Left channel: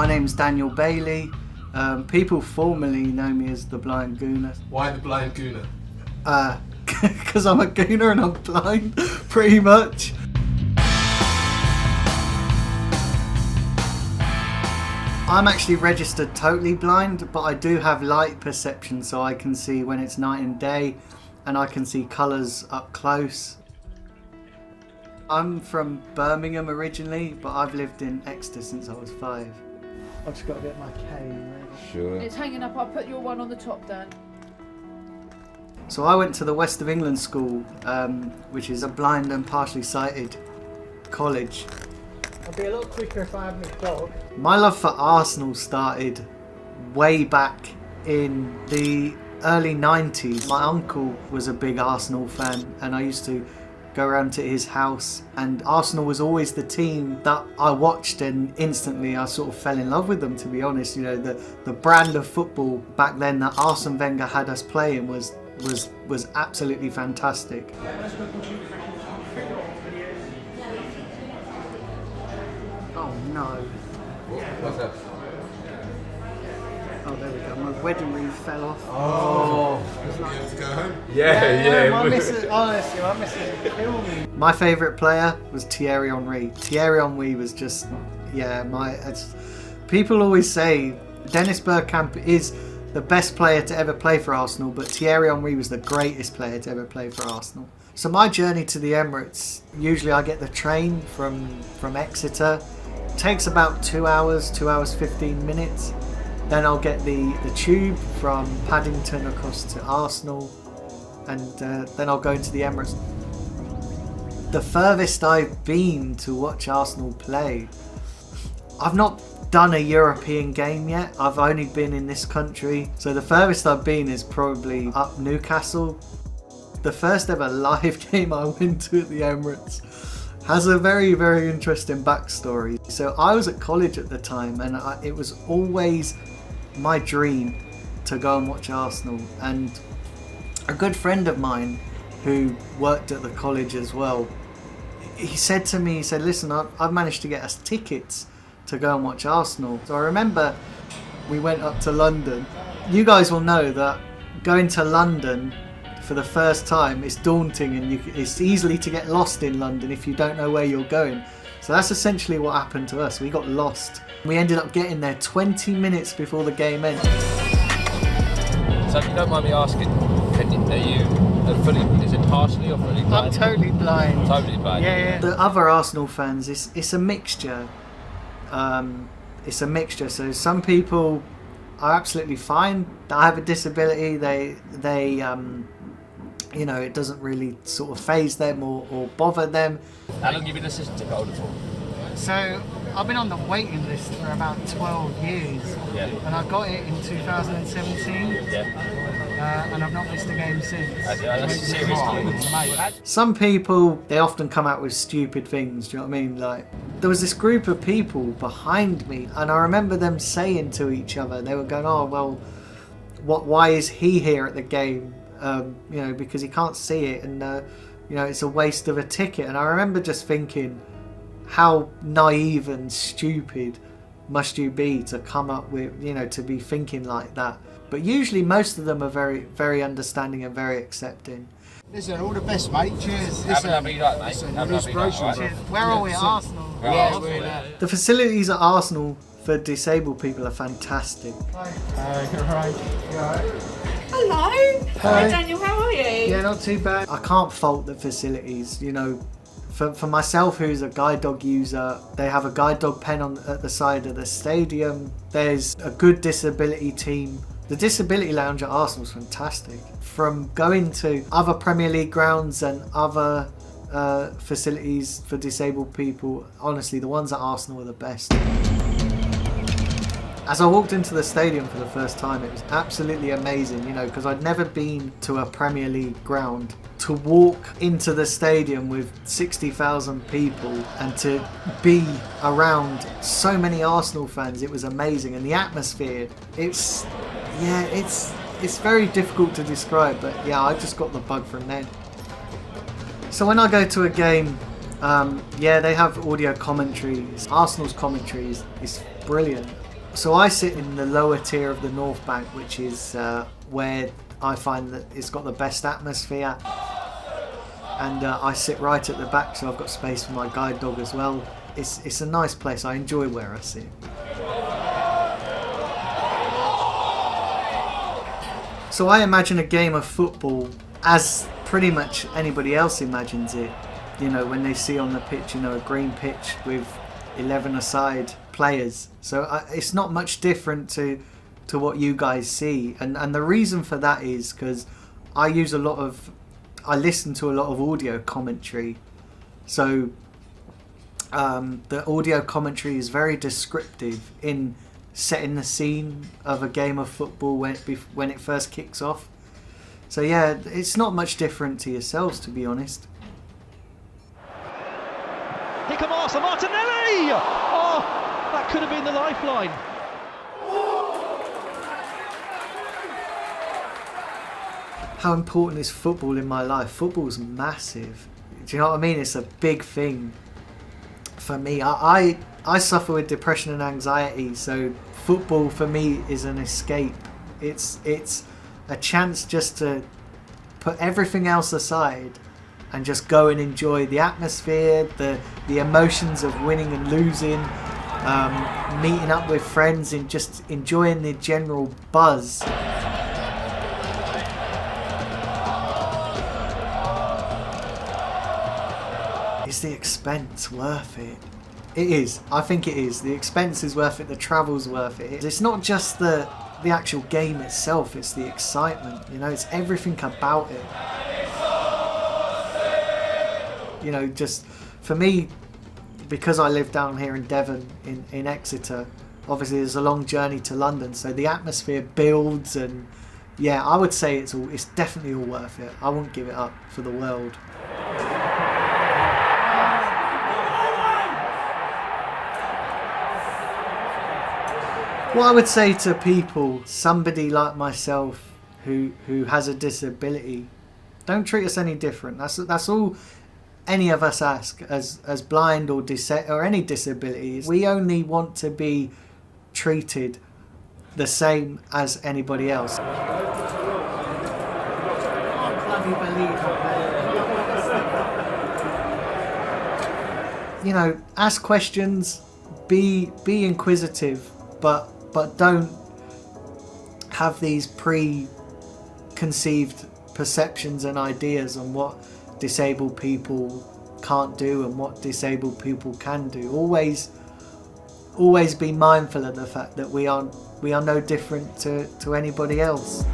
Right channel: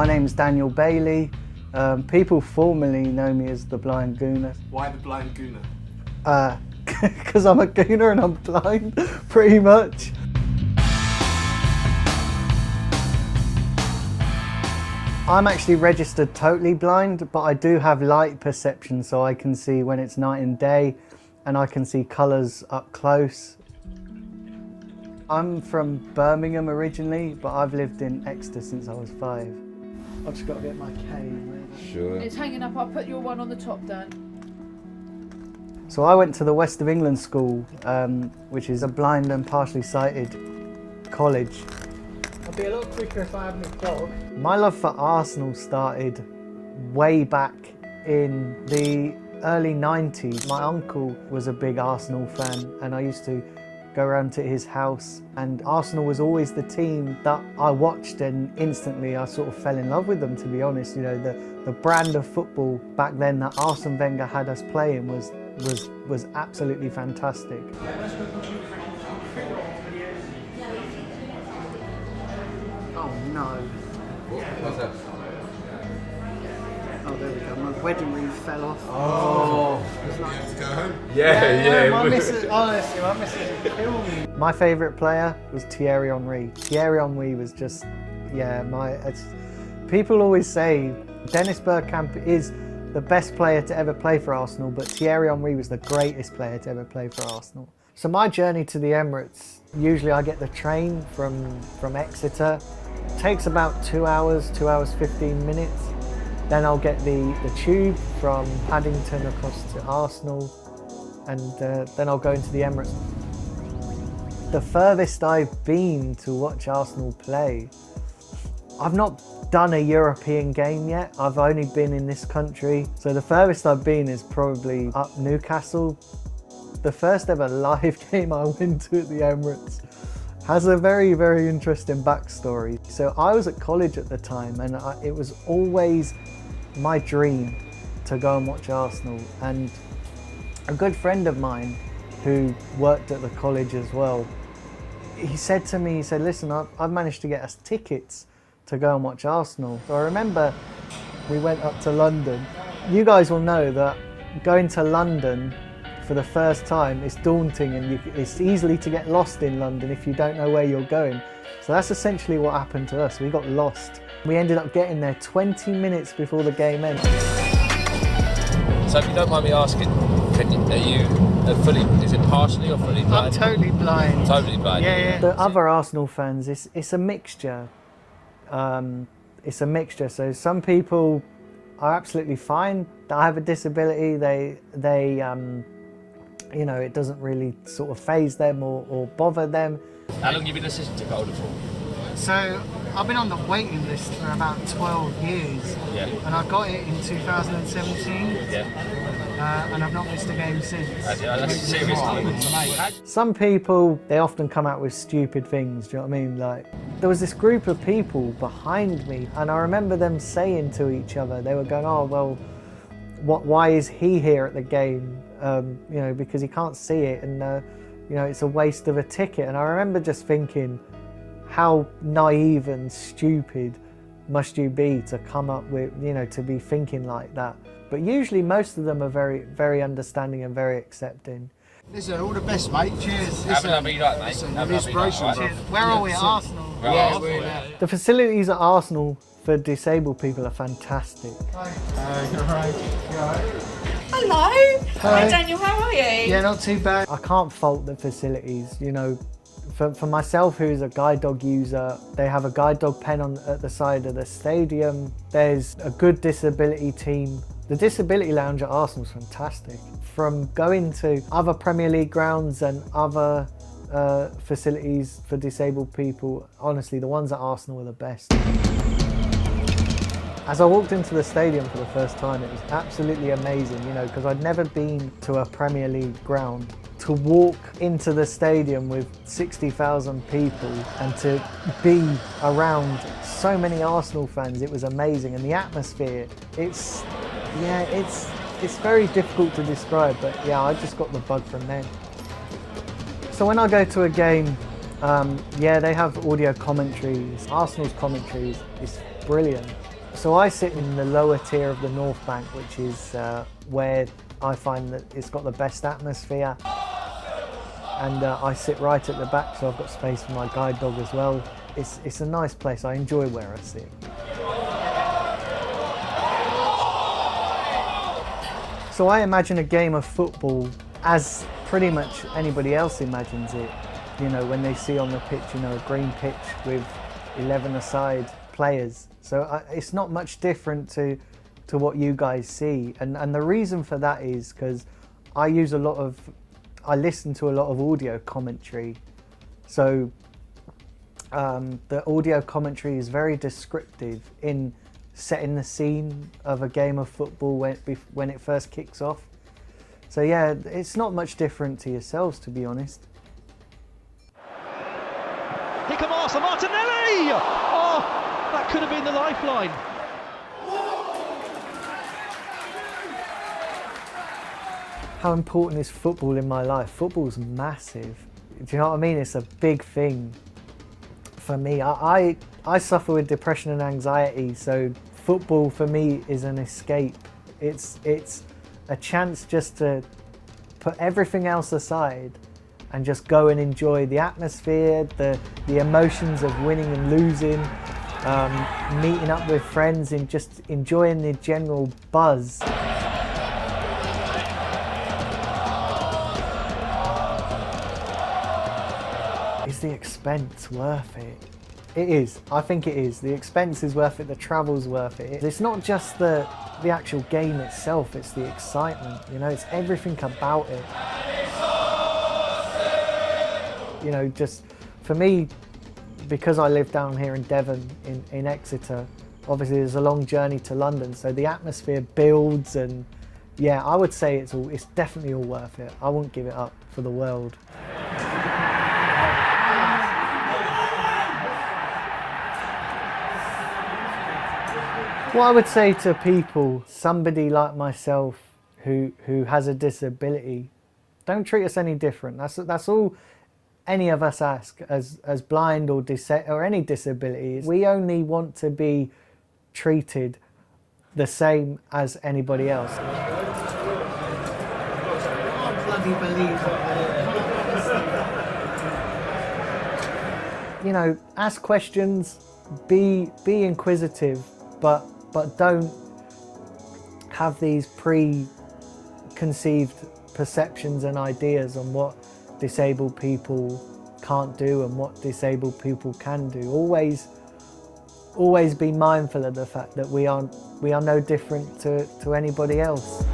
My name's Daniel Bailey. People formerly know me as the Blind Gooner. Why the Blind Gooner? Because I'm a gooner and I'm blind, pretty much. I'm actually registered totally blind, but I do have light perception, so I can see when it's night and day, and I can see colours up close. I'm from Birmingham originally, but I've lived in Exeter since I was 5. I've just got to get my cane ready. Sure. It's hanging up. I'll put your one on the top, Dan. So I went to the West of England School, which is a blind and partially sighted college. I'll be a lot quicker if I have my dog. My love for Arsenal started way back in the early 90s. My uncle was a big Arsenal fan, and I used to go around to his house, and Arsenal was always the team that I watched, and instantly I sort of fell in love with them, to be honest. You know, the brand of football back then that Arsene Wenger had us playing was absolutely fantastic. Oh no. What's that? Oh, there we go. My wedding wreath fell off. Oh. You have to go home? Yeah. My missus, honestly, my missus would kill me. My favourite player was Thierry Henry. Thierry Henry was just, people always say Dennis Bergkamp is the best player to ever play for Arsenal, but Thierry Henry was the greatest player to ever play for Arsenal. So my journey to the Emirates, usually I get the train from Exeter. It takes about 2 hours, 2 hours 15 minutes. Then I'll get the tube from Paddington across to Arsenal, and then I'll go into the Emirates. The furthest I've been to watch Arsenal play, I've not done a European game yet. I've only been in this country. So the furthest I've been is probably up Newcastle. The first ever live game I went to at the Emirates has a very, very interesting backstory. So I was at college at the time, and it was always my dream to go and watch Arsenal. And a good friend of mine who worked at the college as well, he said to me, listen, I've managed to get us tickets to go and watch Arsenal. So I remember we went up to London. You guys will know that going to London for the first time is daunting, and it's easily to get lost in London if you don't know where you're going. So that's essentially what happened to us. We got lost. We ended up getting there 20 minutes before the game ended. So if you don't mind me asking, are you is it partially or fully blind? I'm totally blind. Totally blind. Yeah. The other Arsenal fans, it's a mixture. It's a mixture. So some people are absolutely fine that have a disability. They it doesn't really sort of faze them or bother them. How long have you been a season ticket holder for? So I've been on the waiting list for about 12 years, and I got it in 2017, and I've not missed a game since. That's serious. Some people, they often come out with stupid things, do you know what I mean? Like, there was this group of people behind me, and I remember them saying to each other, they were going, oh, well, why is he here at the game? Because he can't see it, and it's a waste of a ticket. And I remember just thinking, how naive and stupid must you be to come up with, to be thinking like that? But usually most of them are very, very understanding and very accepting. Listen, all the best, mate. Cheers. Have a lovely night, mate. Have a lovely night. Cheers. Where are we? Arsenal? Yeah. The facilities at Arsenal for disabled people are fantastic. You're right. Hello. Hi, Daniel. How are you? Yeah, not too bad. I can't fault the facilities, For myself, who's a guide dog user, they have a guide dog pen at the side of the stadium. There's a good disability team. The disability lounge at Arsenal is fantastic. From going to other Premier League grounds and other facilities for disabled people, honestly, the ones at Arsenal are the best. As I walked into the stadium for the first time, it was absolutely amazing, because I'd never been to a Premier League ground. To walk into the stadium with 60,000 people and to be around so many Arsenal fans, it was amazing. And the atmosphere, it's very difficult to describe, but I just got the bug from then. So when I go to a game, Yeah, they have audio commentaries. Arsenal's commentary is brilliant. So I sit in the lower tier of the North Bank, which is where I find that it's got the best atmosphere. And I sit right at the back, so I've got space for my guide dog as well. It's a nice place. I enjoy where I sit. So I imagine a game of football as pretty much anybody else imagines it. You know, when they see on the pitch, you know, a green pitch with 11-a-side players. So it's not much different to what you guys see. And the reason for that is because I listen to a lot of audio commentary. So the audio commentary is very descriptive in setting the scene of a game of football when it first kicks off. So yeah, it's not much different to yourselves, to be honest. Here come Arsenal, Martinelli! Oh, that could have been the lifeline. How important is football in my life? Football's massive. Do you know what I mean? It's a big thing for me. I suffer with depression and anxiety, so football for me is an escape. It's a chance just to put everything else aside and just go and enjoy the atmosphere, the emotions of winning and losing, meeting up with friends and just enjoying the general buzz. Is the expense worth it? It is. I think it is. The expense is worth it. The travel's worth it. It's not just the actual game itself. It's the excitement. You know, it's everything about it. You know, just for me, because I live down here in Devon, in Exeter, obviously there's a long journey to London, so the atmosphere builds, and yeah, I would say it's definitely all worth it. I won't give it up for the world. What I would say to people, somebody like myself who has a disability, don't treat us any different. That's all any of us ask as blind or any disabilities. We only want to be treated the same as anybody else. I can't bloody believe that. You know, ask questions, be inquisitive, but don't have these preconceived perceptions and ideas on what disabled people can't do and what disabled people can do. Always be mindful of the fact that we are no different to anybody else.